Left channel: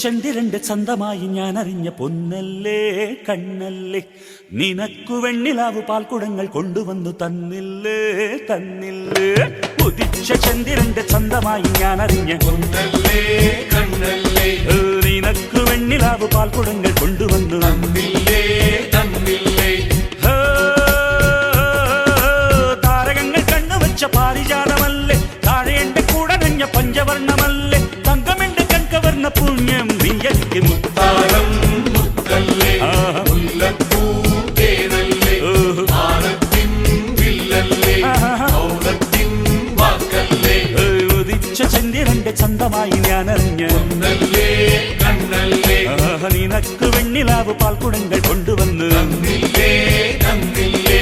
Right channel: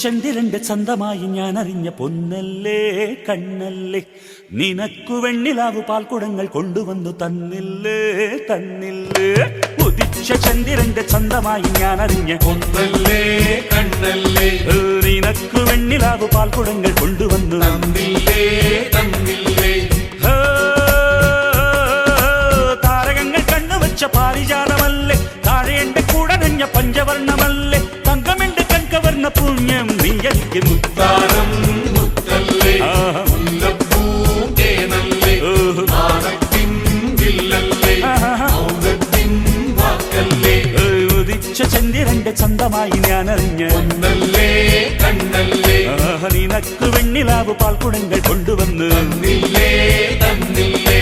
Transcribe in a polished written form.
ചന്ദ്രന്റെ ചന്തമായി ഞാൻ അറിഞ്ഞ പൊന്നല്ലേ കണ്ണല്ലേ, നിനക്കു വെണ്ണിലാവ് പാൽക്കുടങ്ങൾ കൊണ്ടുവന്നു തന്നില്ലേ തന്നില്ലേ. ഉദിച്ച ചന്ദ്രന്റെ ചന്തമായി ഞാൻ അറിഞ്ഞ പൊന്നല്ലേ കണ്ണല്ലേ, നിനക്കു വെണ്ണിലാവ് പാൽക്കുടങ്ങൾ കൊണ്ടുവന്നു തന്നില്ലേ തന്നില്ലേ. താരകങ്ങൾ കണ്ണുവച്ച പാരിജാതമല്ലേ, താഴെ എന്റെ കൂടെ നഞ്ഞ പഞ്ചവർണ്ണമല്ലേ, തങ്കമെന്റെ കൺകവർണ്ണ പുണ്യം നീ എനിക്ക് മുത്താരം മുത്തല്ലേ, മുല്ലപ്പൂതേനല്ലേ, മാനത്തിൻ വില്ലല്ലേ, മൗനത്തിൻ വാക്കല്ലേ. ഉദിച്ച ചന്ദ്രന്റെ ചന്തമായി ഞാൻ അറിഞ്ഞ പൊന്നല്ലേ കണ്ണല്ലേ, നിനക്ക് വെണ്ണിലാവ് പാൽക്കുടങ്ങൾ കൊണ്ടുവന്ന് തന്നില്ലേ തന്നില്ലേ.